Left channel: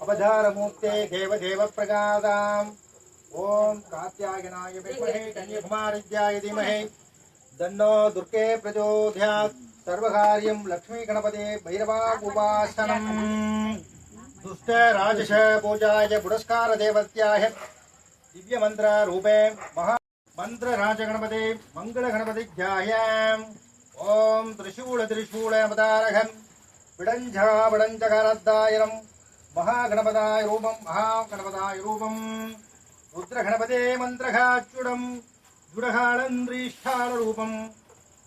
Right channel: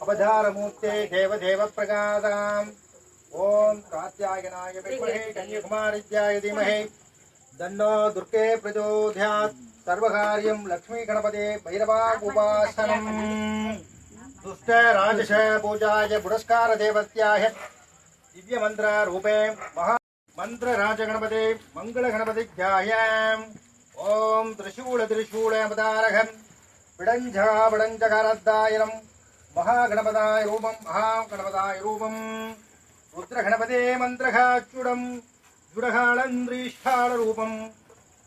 अवधारमूर्ते देवदेव प्रकादाम् ओम कात्यायनाय विद्महे कन्याकुमारीत्याय धीमहि दन्नो दुर्गे प्रचोदयात् सर्वकार्यं लक्ष्मी गणपते भैरवागुपासनम् दुष्ट राजस पूजाय पुरस्कार देवत्याय दिव्य मंत्र रूपे महा मंत्र राज गणपते मंगल गणपतिज्ञाय ओम त्रिशूल त्रिशूल अवतारकम् विडञ्झा विडञ्झकारद्दायनम् महागणपताय रूपम महागणपताय रूपम रुद्रगणपते मंत्रघाच्युडम जुडहाळन्द्रीष्ठाळ रूपम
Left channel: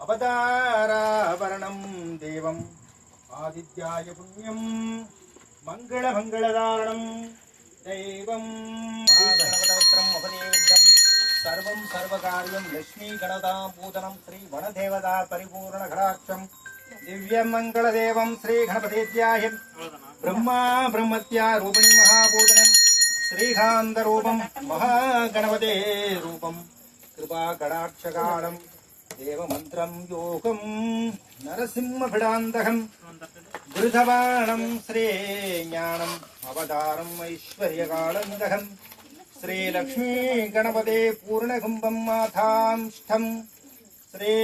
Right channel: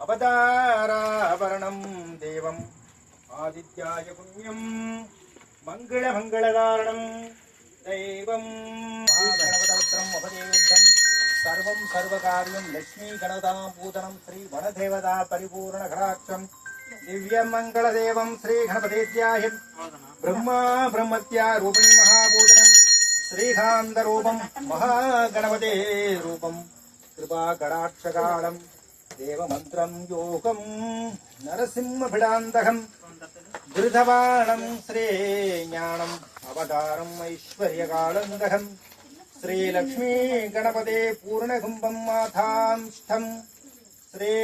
अवताराभरणं देवम आदित्याय पुण्यम मंगल मंगलकारणं दैवम महागणपतमित्रं अवदेव्यं सर्वं सर्वकार्यं लक्ष्मी गणतां पूजनं श्री वनदेवता परिपूर्ण घराक्षं दिव्य मंगल देवं श्री गणपतेत्याय ब्रह्मा ब्रह्मत्या रूपिणी महापूजनं श्रीकांत रूपं महागणपते रूपं कृपा कटाक्षकालं देवमन्त्रं योगं नरसिंहभिडान्तकं वृधवाणं श्रीज्ञानम् अवतारम् ऐश्वर्यकालन्दकं श्रीलक्ष्मी गणपते पूर्णकुम्भं माथांष्ठं श्री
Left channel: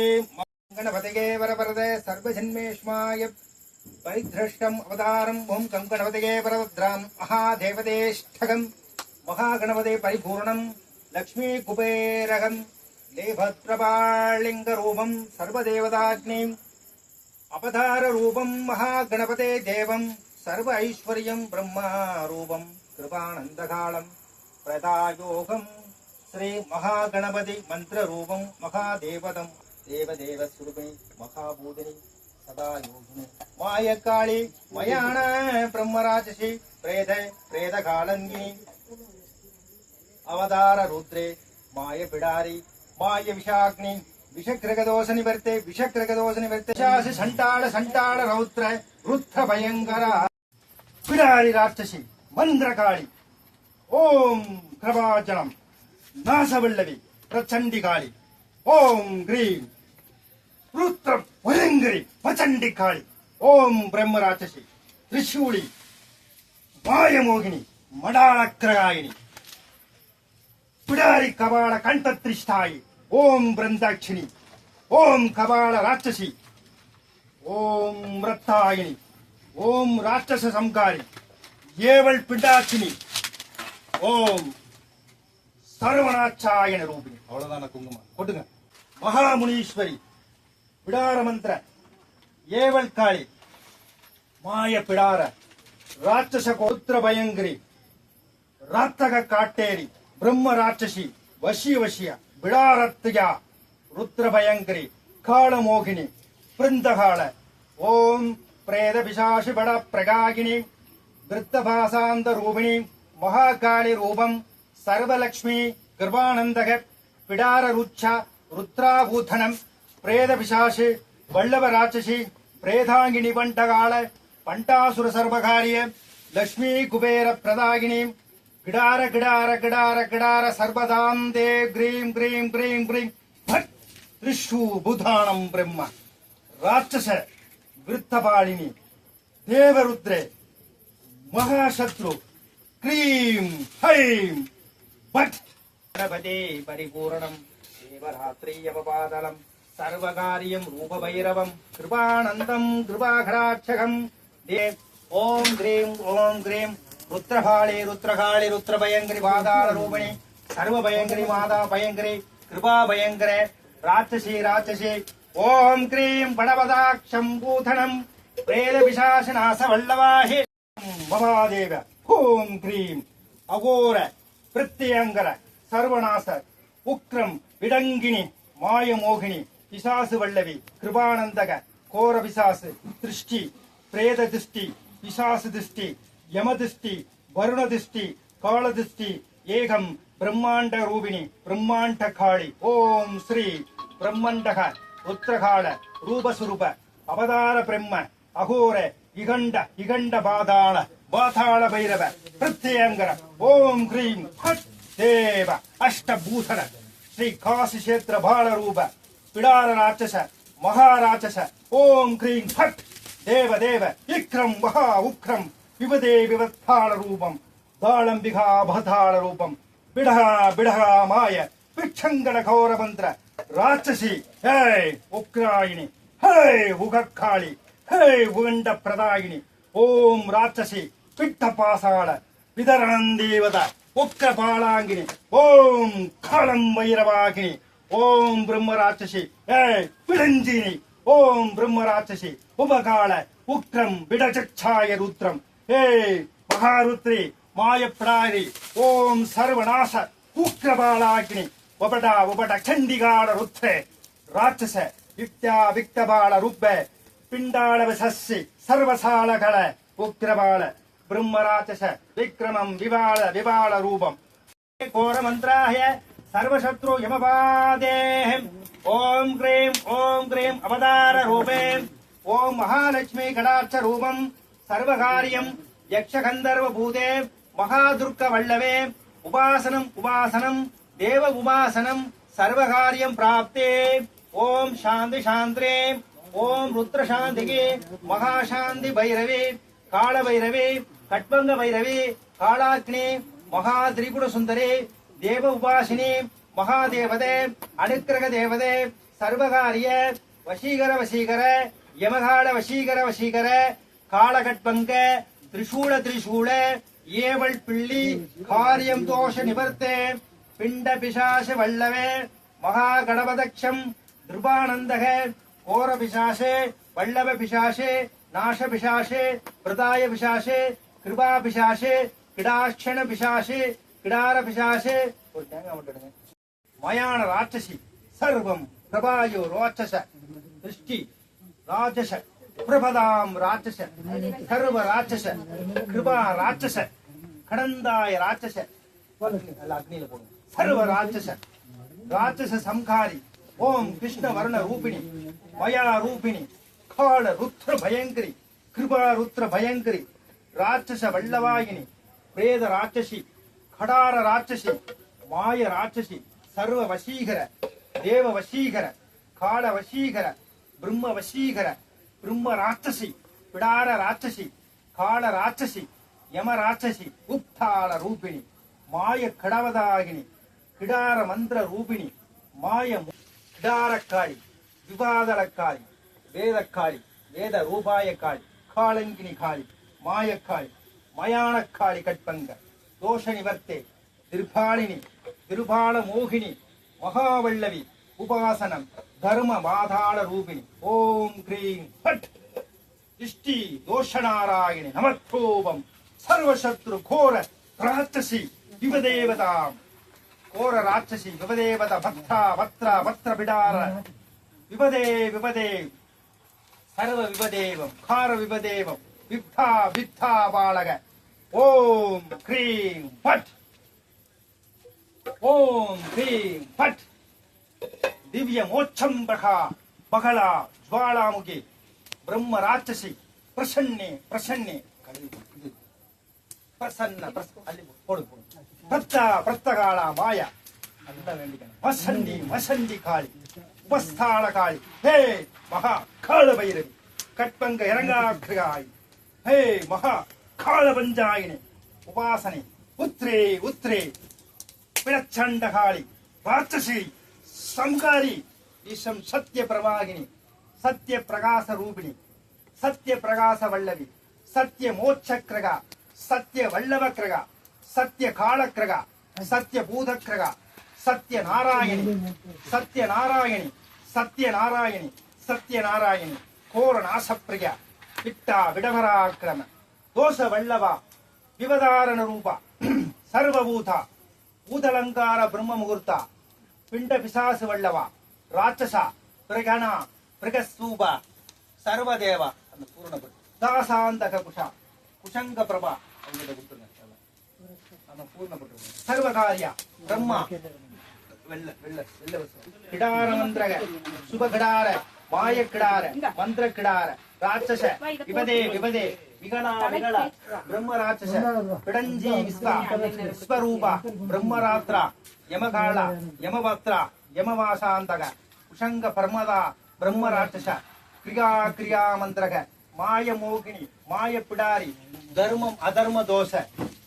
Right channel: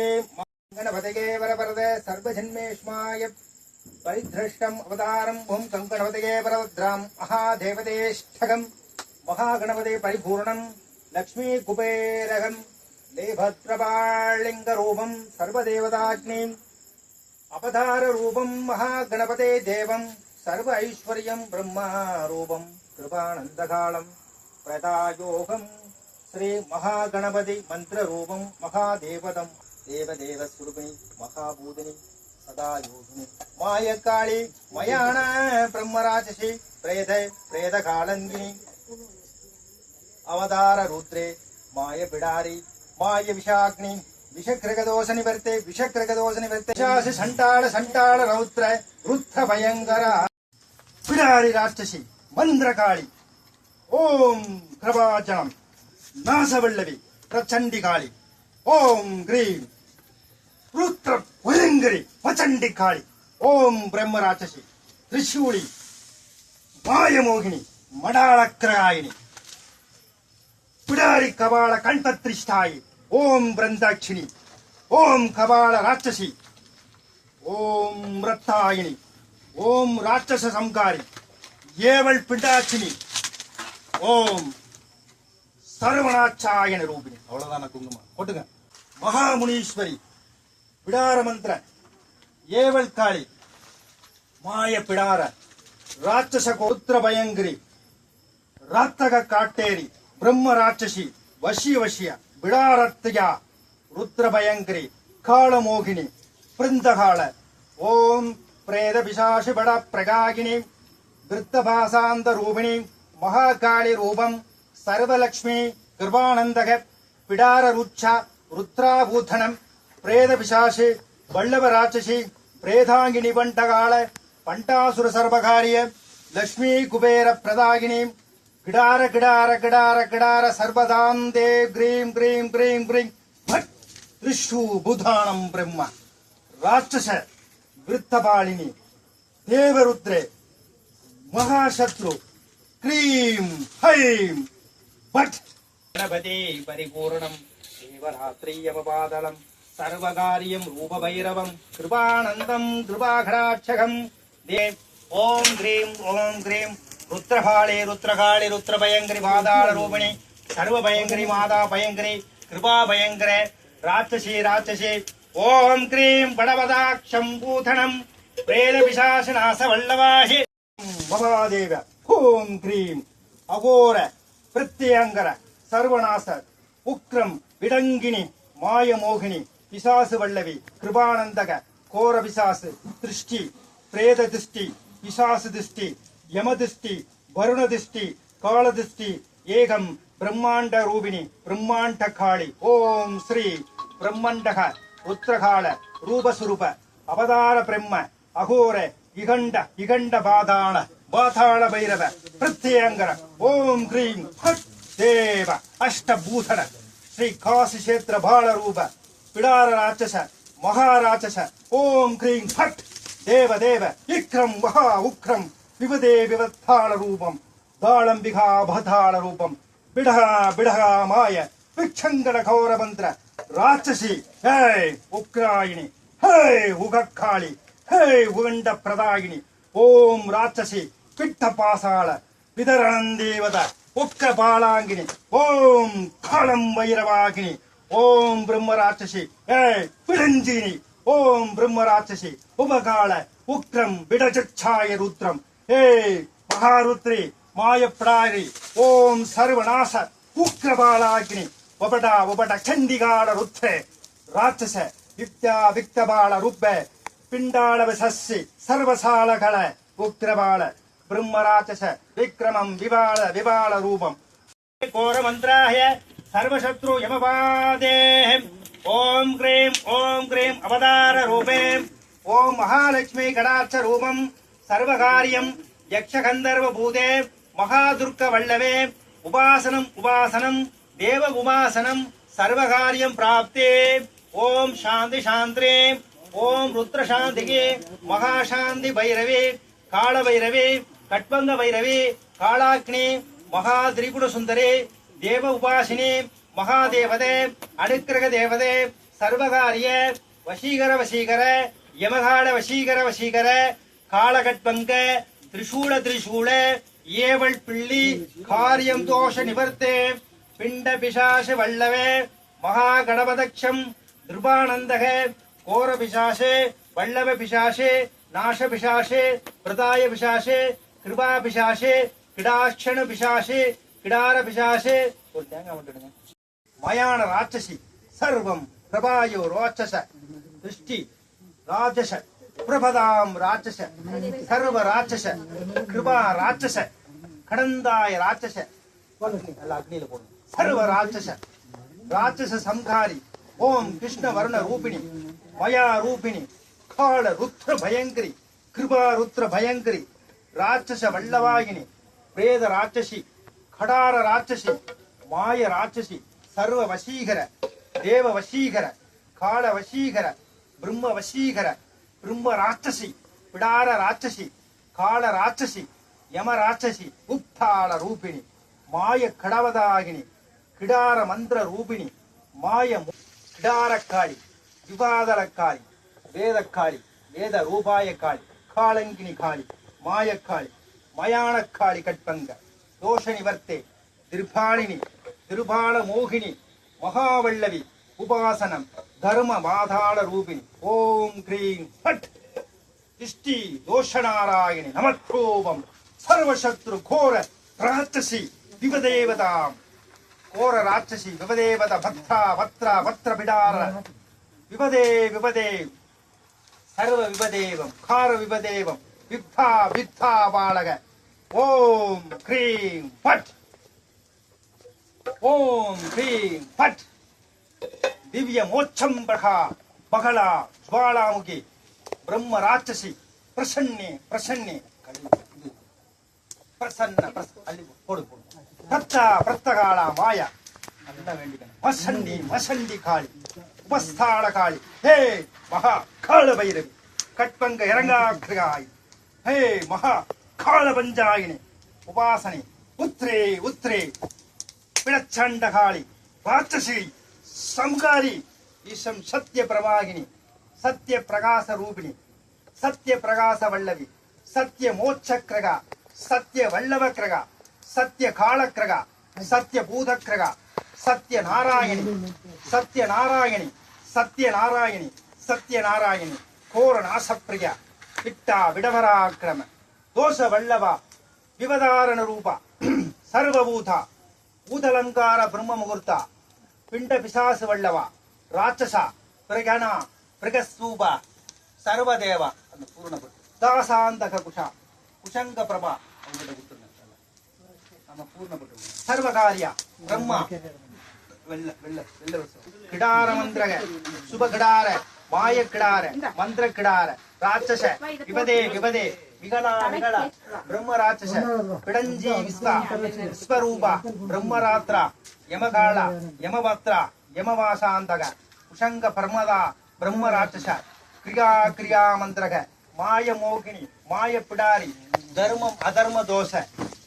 गणपतये वरवरद सर्वजन्मेष्माय परिधृष्टम् अवतारम् ओं गणपतये वरभद्रां महादेवतेष्ठकम् महागणपते परिपूर्णं लक्ष्मी कुबेरकम् लेभद्रपालिङ्गरूपं सर्वदेवताग्निम् अवताररूपं महागणपते देवं सर्व ऐश्वर्यं ब्रह्मारूपं कृपानन्दकालं प्रदायोगं श्री महागणपति मन्त्ररूपं महादेवतं देवदेवस्वरूपिणी महाभूतिनी सदा योगिनी मायकाली मयाण ब्रह्मराक्षसी प्रेतकालङ्गिनी अवतार रुद्रे माय पिडारी माय विषाग्नि विषकृगदोष निवर्ते शासि संटाळ रौद्र रुद्र भयंकर पिडारी राक्षसी मंद्रकाली ओम कृपाजनम नाशवल्लवी प्रचंडिकाली ओम ग्रीं रुद्र भयंकरी प्रचंडिकाली ओम ब्रह्मराक्षसी त्रिशूली मायमोहिनी मडाळक्रगायिनी पिडारी कबाळ कंठत्रिष्ठायी ओम ब्रंदाक्षिणी ओम कबाळ राक्षसी ओम रत्तायिनी ओम राक्षस संकारी येवल पिंडाक्षिणी ओम सर्वनाचायन रूपिणी अवलदान कुंकुम कोटुंग महामुनीश्वरी पिडार मंत्र येवल काली माय पिडार राक्षस गोत्र भयंकरी रातग काटेरी ब्रह्म राक्षसी वशी वशिया बिडारत्या रुद्र भयंकरी कालमोहिनी वृंदकाल ओम प्रेत पिशाचि बड़ प्रगागिनी वृत्तभासांत रूपिणी महाकाली रूपम सर्वलक्ष्मी कृपानंदक पिडार रुच्छ रुद्राभूषणम प्रेत पिशाचि वल्लभ राक्षसी प्रेतांगिनी पंटकाल पंटासुर सर्वकार्य लक्ष्मी कुबेर प्रदागिनी किडार किडार किडार किडार सर्वदान्ते ग्रीं ग्रीं ग्रीं ग्रीं भट् त्रिशू बुधानं ब्रह्म राक्षस वृत्तपालिनी देवरुद्रे महाशत्रु क्रीं हैं भट् गणपते परिपूर्णं देवरात्रि अवपादनं सर्वकार्यं रूपभैरवं कृपानन्दं कृपाघटाक्षकं देव ओं ग्रीं रुद्रकाली रुद्रभयंकरी पादाल रूपिणी सर्व भयंकरी माता भयंकरी कृपा भयंकर राक्षसी ओम क्रीं बड़वदाक्षं पूथणं प्रेत पिशाचनाश वल्लवाहि महादेव ओं क्रीं अघोर प्रत्यंकर सर्वनाश उक्रम विडंगिनी मायमोहिनी पिशाच वल्लवी कृपानंदक घोर पिशाच दृष्टि प्रेत दृष्टि पिशाच दृष्टि यम दृष्टि वरुण दृष्टि काल दृष्टि एकम ब्रह्मांड रूपिणी ब्रह्मांड काली ओम श्री ब्रह्मांड रुद्रकाल रूप स्वरूप அவதார பிரம்ம அகோர இகண்ட இகண்ட பாதாள பைரவ பிரத்யங்கர ஓம் கிரீம் ஃபட் தேவ அஷ்டபூதன ஸ்ரீ காசி கஷேத்திர பால ரூப பிடார ராட்சச மகாராட்சச ஓம் கிரீம் ஃபட் தேவ தேவ விக்ரம் மகா உக்ரம் விபதே விவத்தாள ரூபம் தாளம்பிகா பதாள ரூபம் பிடஹா பிடஹா மாய விச்சங்கட கௌர மந்திர ராட்சசி ஹே உக்ராயினி ஹே உகக்காளி ஹே உகண்ட பிரதாயினி ஓம் ராட்சசி பிட்ட பாசாள விதரணந்தேவத உக்க பாலாங்கினி ஓம் காலம் வைரவாகினி ஓம் பிரம்ம ராட்சசி ஹே பிடஞ்சினி ஓம் பிரம்ம ராட்சசி உபகால உக்ரம் விடச்சச்சாய ருத்ரம் ஹே மகாருத்ரி மாயப்பிடாரி ஓம் சர்வநாச உக்ரபாலாகினி உபட சண்டிகால ருத்ரே ராட்சச வித்யா விக்தபால ருப்ப பிண்டாள விசஸ்ஸி சர்வசாலகல உக்ரபால பிரம்ம ராட்சச விக்ரமம் விபால ரூபம் கோர மந்திராய சர்வசத்ரு யமபாதேஹம் ஓம் கிரீம் அவதார ரூபே ஓம் மகாலட்சுமி கடாட்ச ரூபம் சர்வகாரியம் யக்ஷகந்தர்வ பூதே மகாதுர்க்க வல்லவே உபாசனம் தேவ உபாசனம் சர்வகாரியம் பிராப்தே ஓம் சாந்தி சாந்திரே ஓம் ருத்ர சாந்திகே மகாசாந்தி பைரவே கால பைரவே கட்பங்க பைரவே காளாக்னி மகா திரிபுர சுந்தரே தேவ உபாசினி மகாதேவதே அனுக்கிரக தேவதே சர்வகாரிய வசீகர யமகால வசீகர காலகட்பங்க திரிசூல ஏவல் பிள்ளி காரியம் தோஷ நிவர்த்தே பிண்ட பிசாச வல்லவே மகா கணபதக்ஷம் திருபானந்தக கோர பிசாசே வல்லவ பிசாசே நாச பிசாசே பிரதாய பிசாசே கிருபா பிசாசே கிடாட்சண பிசாசே கிடார பிசாசே ஒரு தேங்காய் மட்டும் மயான ராட்சசி சர்வம் பிரபாயோ ராட்சச திருஷ்டி ராட்சச பிரபதாம் ராட்சச சர்வ ராட்சச கிருபா ராட்சச கடந்தாய ராட்சச அக்னியில போடும் சர்வ ராட்சச சம்ஹாரி ஓம் கிருஷ்ண வர்ண ரூபிணி மயா ரூபிணி கால ருத்ர பயங்கரி கிருபா ருத்ர பயங்கரி ராட்சச வல்லவாகினி பிரேத ராட்சசி கடார ராட்சசி மாய ராட்சசி சர்வ வசீகர தேவ வசீகர கால வசீகர பிரம்ம வசீகர பிரம்ம ராட்சசி பிடார ராட்சசி கால ராட்சசி யம ராட்சசி உத்தாள ரூபிணி மாய கடவதாகினி கிடார மந்திர ரூபிணி மாய கிடாரக்காளி விவாதலக்காளி வேதக்காளி வேத ரூபாய காளி காளங்கினி காளி மாயக்காளி மயானக்காளி கட்பங்க தோஷ நிவர்த்தே திருபால மோகினி மகாவல்லவி உபாசனம் தர்ம பாதாள ரூபிணி ஓம் கிரீம் பட் இஷ்டி தோஷநாராயணி நமக்கோபம் சர்வசத்ரு கோர ராட்சசி விவதேவதாம் கோர ராட்சசி விவதேவத பத்ர பிடார விவதே சர்வ விவதேவம் கார விவதேவம் வித்தா பாலக ஓம் கிரீம் பட் ஓம் கிரீம் பட் திவ்ய மோட்சம் பகலா ஜ்வாலாமுகி பிரம்ம ராட்சசி பிரசன்னே பிரசன்ன போடு தத்தா பிரத்தகாளா மாயா அதுதான் வேண்டிக்கணும் மசண்டி காளி உபஸ்தான காளி ஹே மகா கால பைரவி கட்பங்க இறங்காக்கிராய் ஹே மகா கால பஞ்சாயினி உபாசனை உத்ரே பிடச்சண்ட காளி ராட்சசி சம்காரி ஈசம் சத்ய பிரவாகினி சத்ய பிரகாச ரூபிணி சத்ய பிரகாச வல்லவி சத்ய மோட்சக்கிரகா சத்ய வல்லவ கிரகா சத்ய காலக்கிரகா சத்ய பூதக்கிரகா சத்ய நாராயணி கோர நாசப்பிரியா இட்டா விடவராக்கிரம தோஷ வல்லவா விவதாரண ரூபா சர்வபூதா பூதலங்கார பிரம்ம முகூர்த்தா பிண்ட பிசாசு வல்லவா ராட்சசா பிரகணா பிரகஸ்தூபா சர்வதேவா அந்த பூர்ணபுரி தாசாந்தக குஷங்க பிரபா அவங்கள்ட்ட கொடுத்துருங்க நம்ம பூர்ணப்பட்டு சர்வகாரியா பிரம்மா கிடார மந்திரக சுப கிடார மாய கிடார மந்திர கிடார ராட்சச விபதே விபதே விகனா விகல பிரம்ம ராட்சச பிடஞ்சி விஸ்வா விஸ்வரூபா பிரம்மராத்ரா யமகாள யமபத்ரா யமவாசாந்தக உஷங்க பர்மதா பிரம்ம ராட்சச கிரியா கிரியா மந்திரக மாய மோகினி மாய பிடாரி தர்மம் அதர்ம தோஷ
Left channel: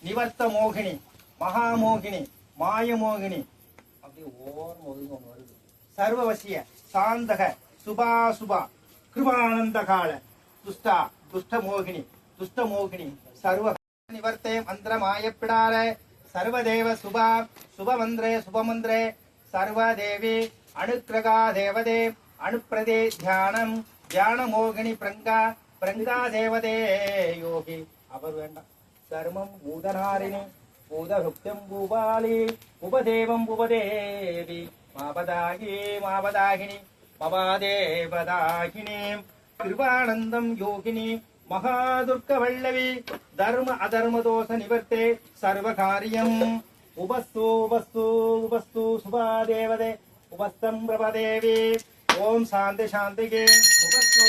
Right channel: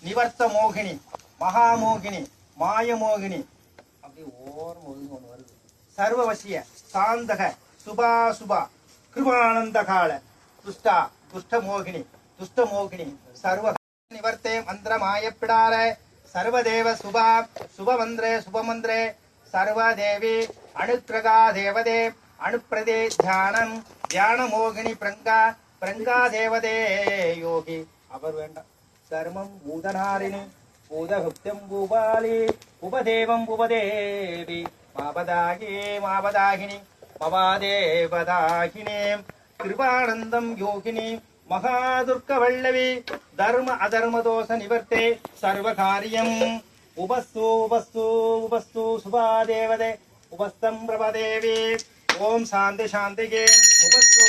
நிவர்த்த மோகினி மகாமோகினி மாய மோகினி அப்படி ஓரம் ஒதுங்க ஒண்ணு வருது சர்வவசிய சாந்தக சுபா சுபா கிருபானந்த கால துஷ்டா துஷ்ட மோகினி சர்வ நிவர்த்தே மந்திர மாயப்பிடார சர்வதேவ சுபா சுபமந்திரே சர்வதேவி அனுக்கிரகா தேவதே அனுப்பிரதே தியானம் தியான மோகினி பிரங்கா தேவதே யோகி அவர் வேண்டாம் தர்மம் பூதனாரிணி பூதகுப்தம் பூபாலி உபதேவம் உபதேவி மாபதாகினி பவாதேவதாகினி கிருபானந்தம் யோகினி மகாதுர்க வல்லவி தர்ம அதர்ம தோஷ நிவர்த்தே சர்வகாரியம் உபஸ்து சுபா தேவதே உபஸ்தம் பிரபதேவி ஓம் சாந்தி சாந்திகே உபஸ்து